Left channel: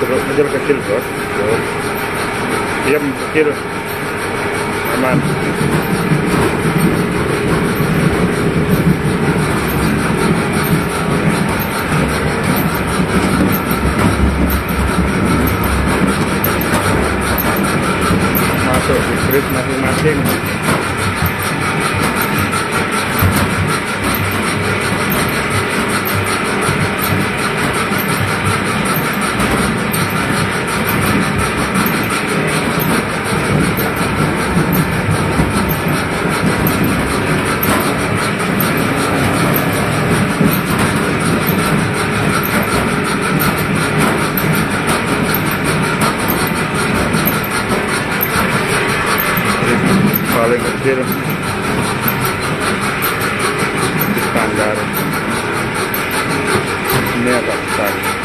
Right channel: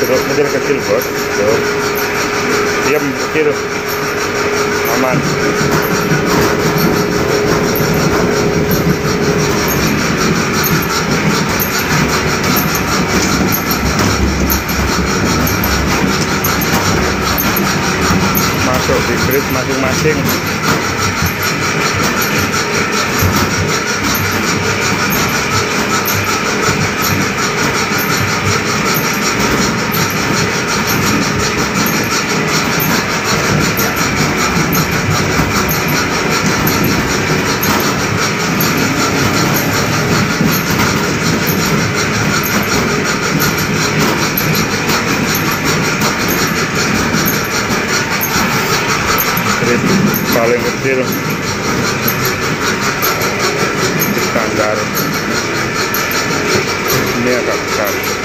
jeruk kecil bos. Tuh. Diam kecil. Aman. Masuk di grid masing-masing. Paling kecil standar, ini agak besar.